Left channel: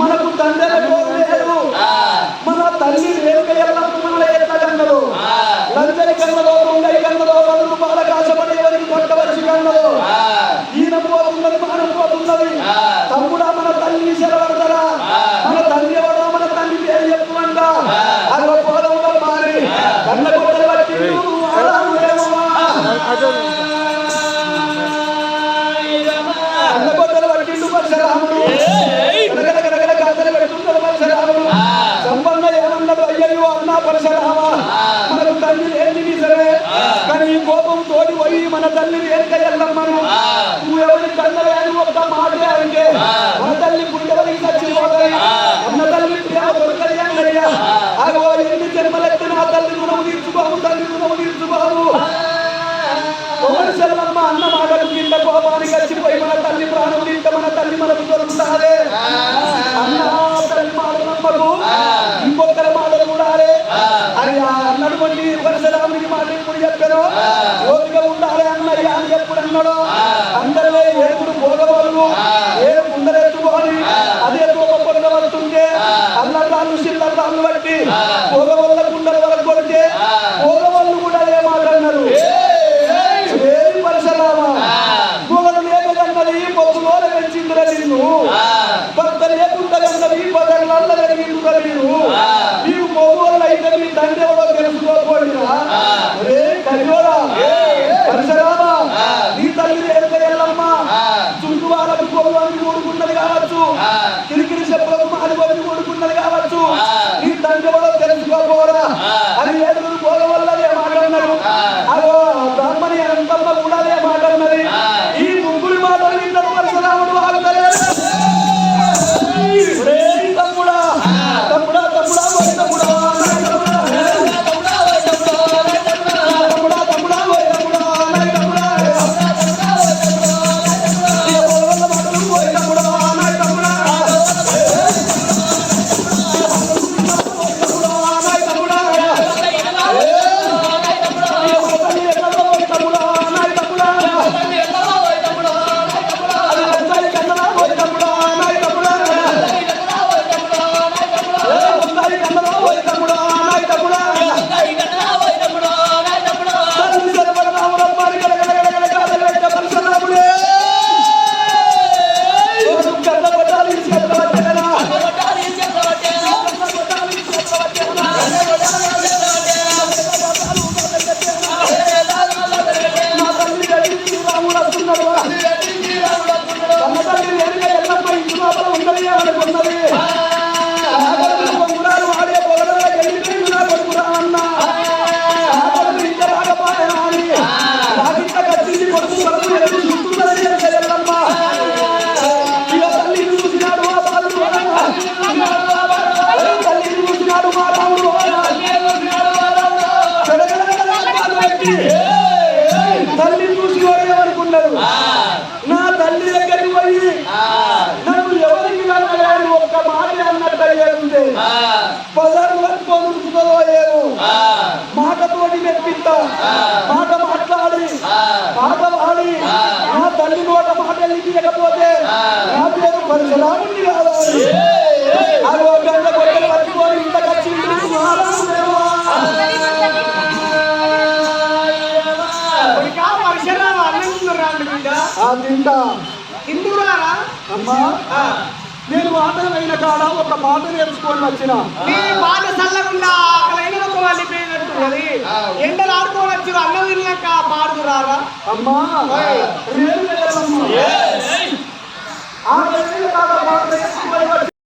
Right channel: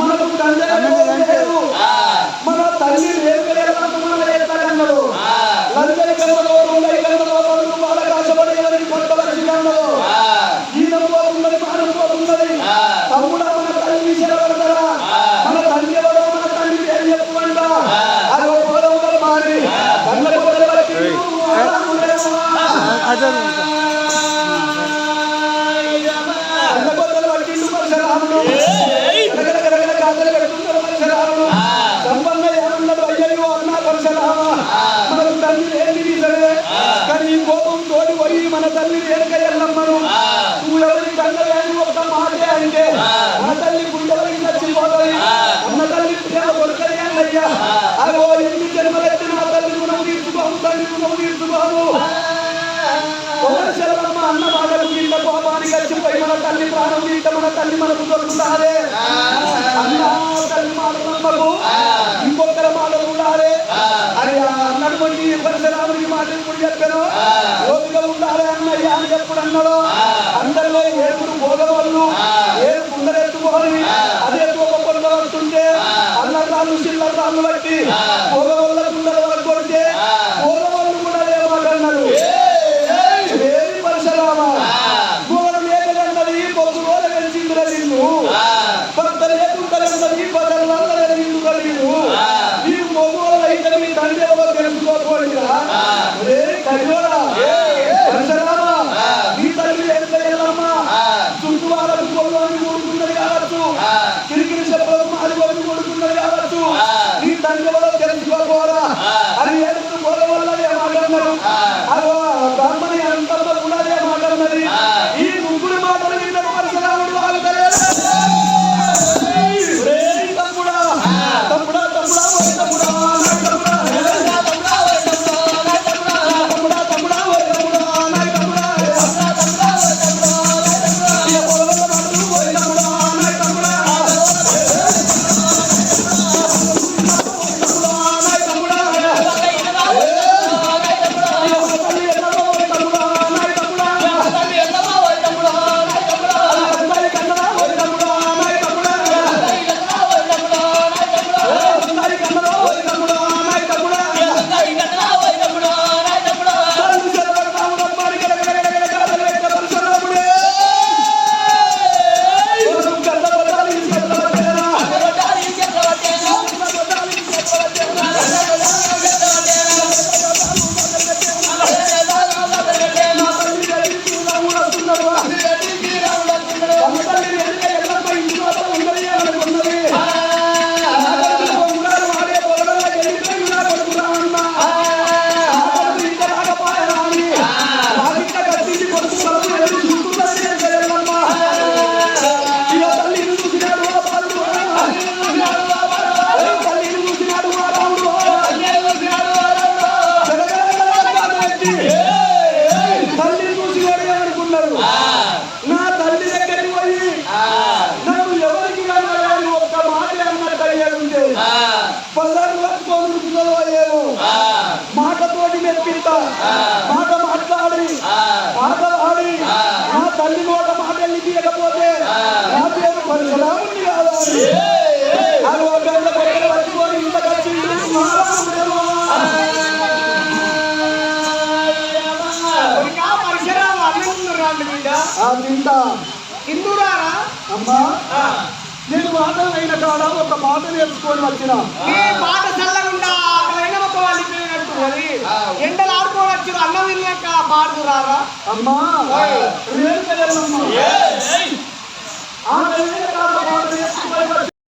మనకు తండ్రి లేదు. మన తల్లి రేణుక ఎల్లమ్మ మనల్ని ఎత్తగన్నదు. లంచని కన్నదో దొంగై కన్నదో 10 రూపాయల కాసపడి ఎవరికి పట్టవలసి కన్నదో ఈనం పోతున్నది మానం పోతున్నది. తమ్ముడా మన తల్లిని సెలవడతారా? మన తల్లి ఎవడో మన తల్లి పేరు చెప్పుమంట. అది పోదముల మారి కళ్ళ కొట్టలు బట్టి రాముడేమో కొట్టలు పట్టిండు పరశురాముడు. గడగడ గాథలు పెడుతుంటారు పరశురాముడు. సంపన్న ఏమన్నాడు? అయ్యయ్యో అన్నా పరశురామ, మనకు తల్లి లేని నిజమే, కానీ ఈ కోపం తోడి పోయి మన తల్లి రేణుక ఎల్లమ్మను నువ్వు ఎవరి కన్నవే అని ఒక్క మాటే అంటే మన తల్లి గుండెవరికి చచ్చిపోతుంది. అన్న తల్లి ప్రేమ దొరకది అన్నయ్యా. అగో ఎన్ని జన్మలెత్తి నా తల్లి రుణము తీర్చుకోము, తల్లి రుణము తీర్చుకోము. చెల్లమ్మ అన్న మాటకు కింద కోపానికి వచ్చిపోయి మన తల్లి ప్రాణం తింటే మన తల్లి మనకు దొరుకుతారే. అన్న తల్లి మాట నమ్మకు, ఇంకొకరి మాట చూడాలి అని అన్నటువంటి పరశురామునికి మాట ఎప్పుడు చెప్పాను. ఓపిక ఉండాలి అన్నయ్య అని ఎప్పుడు అన్నాడు. అందరిలో 7 భోగవాళ్ళు 7 కుండలెత్తుకోని అదే తోక కొండ పడుతుంటే అన్నదాళ్ళు చిల్లరాళ్ళు బట్టి భోగవల్ల కుండల వరకు కొడితే భోగవాళ్ళు కూడా అదే మాట అన్నారు. పరశురామ మొగలు లేకగన్నది పొద్దులోల పెంచిందురా నిన్ను, భర్త లేకుంటగన్నది బదర్లల్ల జరిగిందురా నేను. నీవు మొగోళ్ళు అయితే మీ తండ్రి ఎవరో తెలుసుకోకపోయినా రే కరియోడా పరశురామ, నీ తల్లి రేణుక ఎల్లమ్మ చుట్టూ వాళ్ళకు కొల్లు అన్ని కూడుకున్నది కావచ్చు, కిరికిరి చెప్పులకు మాది కొద్ది కూడుకున్నది కావచ్చు. నీ తండ్రి ఎవరో తెలుసుకోపోరా అని 7 పోగ వల్ల మాట అన్నారు. అదో బ్రాహ్మణి అంతమ్మ కూడా అదే మాట అన్నది. ఈ ముగ్గురి మాటలు విన్నాడు పరశురాముడు. ఆగుతలేదు. తమ్ముడా తమ్ముడా తమ్ముడా తమ్ముడా తల్లిని చూసి వాడు ఏమనుకున్నారు? నా తల్లి దగ్గరికి పోయి నన్ను ఎవరికి కన్నలేని ఒక్క మాట అన్నట్టు అయ్యేది. బజారు పట్టుకొని ఉరుకుతుందో ఏమో మాటతోటి మెప్పిస్తా, మాట మాట్లాడి పాట పాడి నా తల్లి నోట మాట వెళ్ళిపోయకపోతే నా పేరు పరశురాముని కాదా అని అది ఒక గంట కొట్టలు పట్టుకొని ఇంత కచ్చిండు. పరశురామ అన్నంటున్నారు బిడ్డ తింటా హిందూరారా అమ్మా. నేను ఆటలైన కాడ ఒక మాట నేర్చుకొని వచ్చిన నీ మాట చల్లకుండా ఆకలైన ఒక వెళ్ళిపోయినట్టున్నది. ఎండలు ఆడుకోని వచ్చి అన్నం తిన్నాక పాడుతురారా అమ్మా. రేణుక ఎల్లమ్మ ఆకలైన కాడ మాట నేర్చుకొని